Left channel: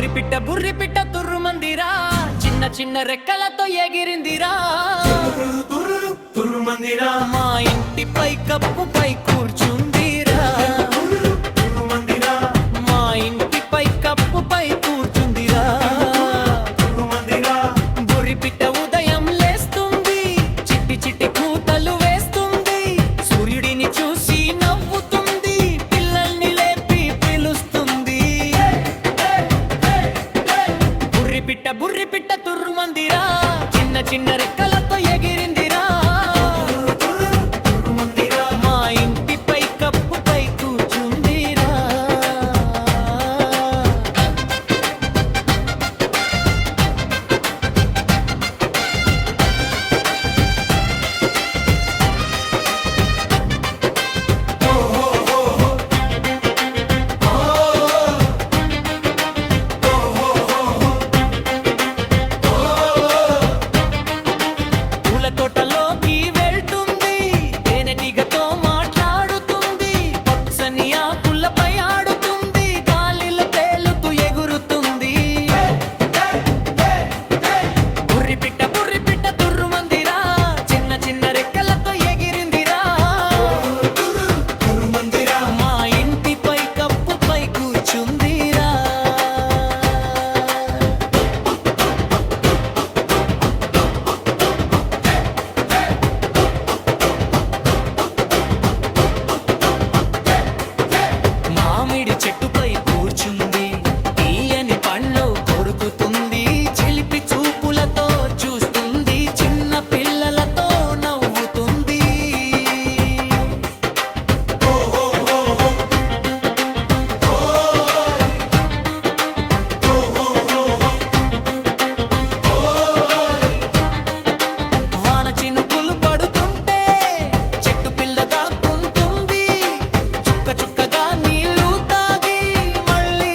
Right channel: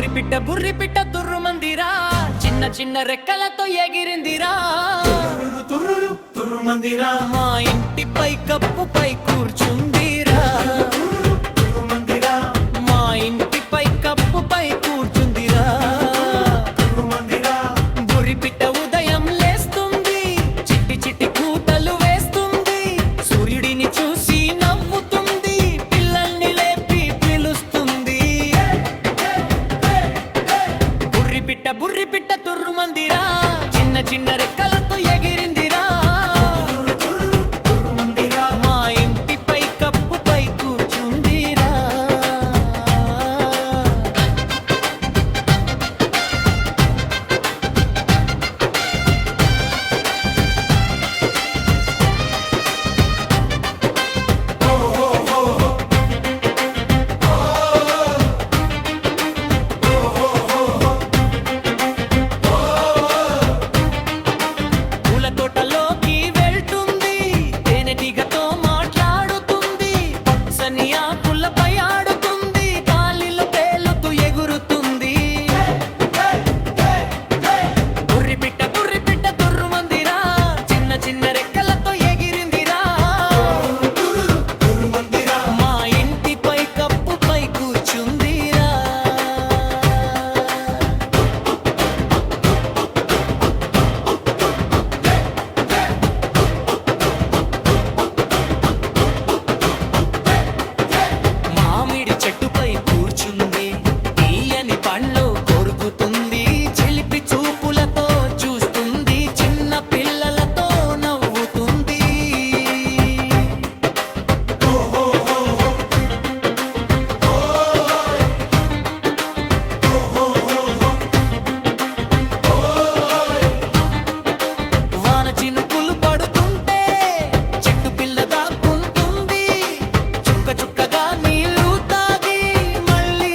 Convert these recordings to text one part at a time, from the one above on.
బుర్రి పిట్ట తుర్రుమందిరా, చిన్న చిన్న రెక్కలతో ఎగిరిందిరా. మా ఇంటిపై కప్పుపై కూర్చుందిరా, మా ఇంటిపై కప్పుపై కూర్చుందిరా. బుర్రి పిట్ట ఉదయం లేస్తుంది, చిట్టి చిట్టి కూతలు వేస్తుంది, సూర్యుడిని చూసి నవ్వుతుంది, పిల్లల్ని లేపి పిలుస్తుంది. బుర్రి పిట్ట తుర్రుమందిరా, చిన్న చిన్న రెక్కలతో ఎగిరిందిరా. మా ఇంటిపై కప్పుపై కూర్చుందిరా. తోటలోకి వెళ్తుంది, తేనెటీగతో మాట్లాడుతుంది, పచ్చని ఆకులపై ఆడుతుంది, గాలిలో తేలుతూ ఎగురుతుంది. బుర్రి పిట్ట తుర్రుమందిరా, చిన్న చిన్న రెక్కలతో ఎగిరిందిరా. మా ఇంటిపై కప్పుపై కూర్చుందిరా. మామిడి చెట్టుపై కూర్చుంది, తీయని పండ్లు కొరుకుతుంది, చిలిపి చూపులతో చూస్తుంది, చిన్న పిల్లలతో నవ్వుతుంది. వాన చినుకులు పడుతుంటే చెట్టు పిల్ల దాక్కుంటుంది, చుక్క చుక్కగా నీళ్లు తాగి మళ్ళీ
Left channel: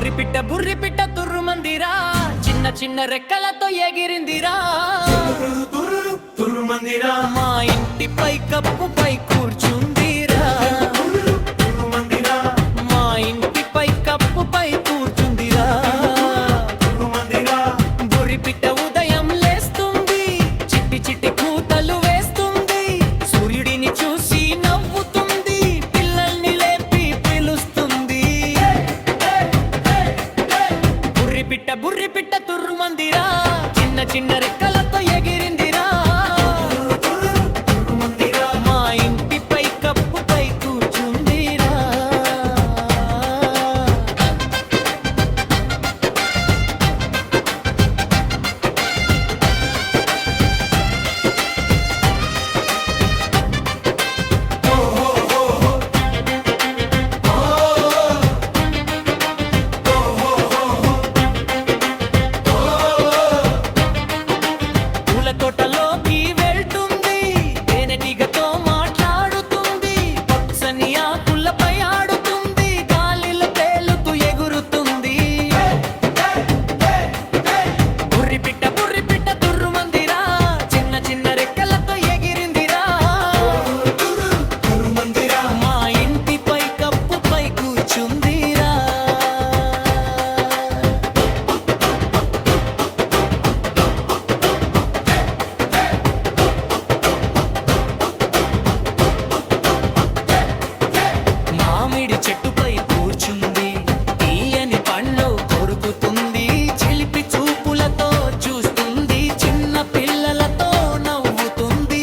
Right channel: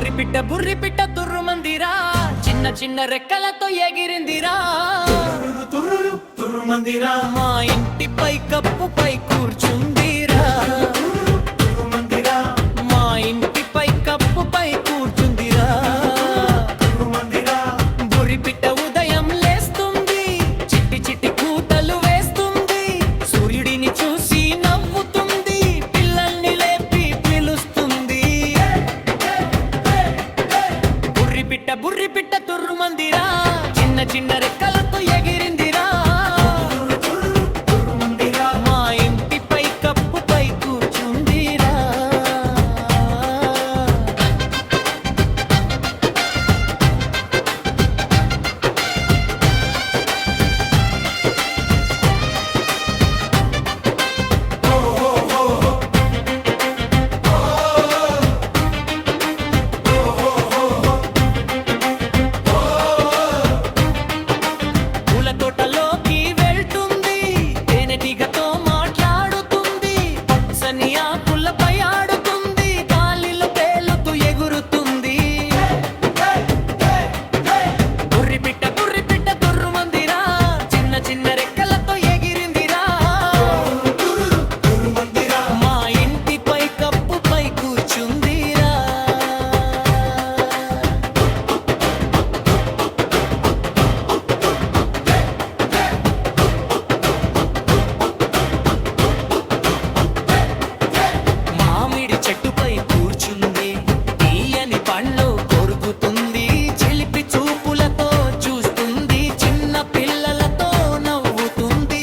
బొరిపిట్ట బుర్రిపిట్ట తుర్రుమందిరా చిన్న చిన్న రెక్కలతో ఎగిరిందిరా తుర్రుమందిరా మా ఇంటిపై కప్పుపై కూర్చుందిరా మా ఇంటిపై కప్పుపై కూర్చుందిరా బుర్రిపిట్ట ఉదయం లేస్తుంది చిట్టి చిట్టి కూతలు వేస్తుంది సూర్యుడిని చూసి నవ్వుతుంది పిల్లల్ని లేపి పిలుస్తుంది బుర్రిపిట్ట తుర్రుమందిరా చిన్న చిన్న రెక్కలతో ఎగిరిందిరా మా ఇంటిపై కప్పుపై కూర్చుందిరా తోటలోకి వెళ్తుంది తేనెటీగతో మాట్లాడుతుంది పచ్చని ఆకులపై ఆడుతుంది గాలిలో తేలుతూ ఎగురుతుంది బుర్రిపిట్ట తుర్రుమందిరా చిన్న చిన్న రెక్కలతో ఎగిరిందిరా మా ఇంటిపై కప్పుపై కూర్చుందిరా మామిడి చెట్టుపై కూర్చుంది తీయని పండ్లు కొరుకుతుంది చిలిపి చూపులతో చూస్తుంది చిన్న పిల్లలతో నవ్వుతుంది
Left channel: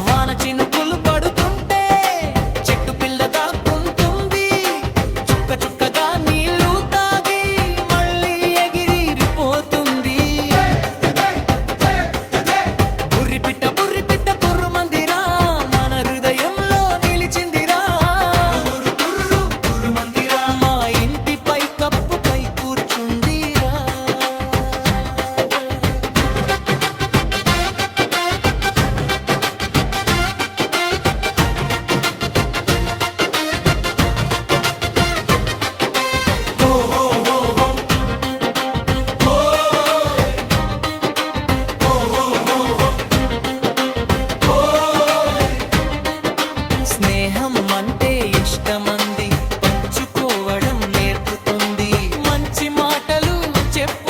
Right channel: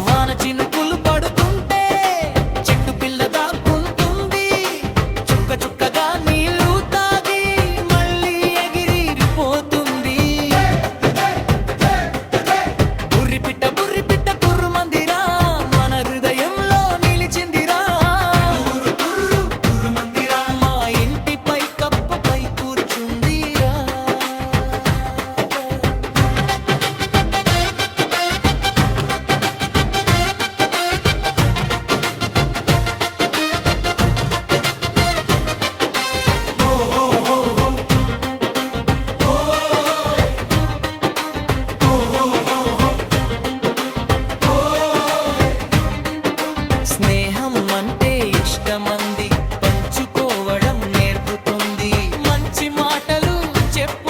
వాన చినుకులు పడుతుంటే చెట్టు పిల్ల దాక్కుంటుంది చుక్క చుక్కగా నీళ్లు తాగి మళ్ళీ ఎగిరిపోతుంది బుర్రిపిట్ట తుర్రుమందిరా మన హృదయంలో నిలిచిందిరా మా ఇంటిపై కప్పుపై కూర్చుందిరా స్నేహం అంటే ఇష్టమంది పంచుకోవడం నేర్పుతుంది మంచి మాటలు చెప్పు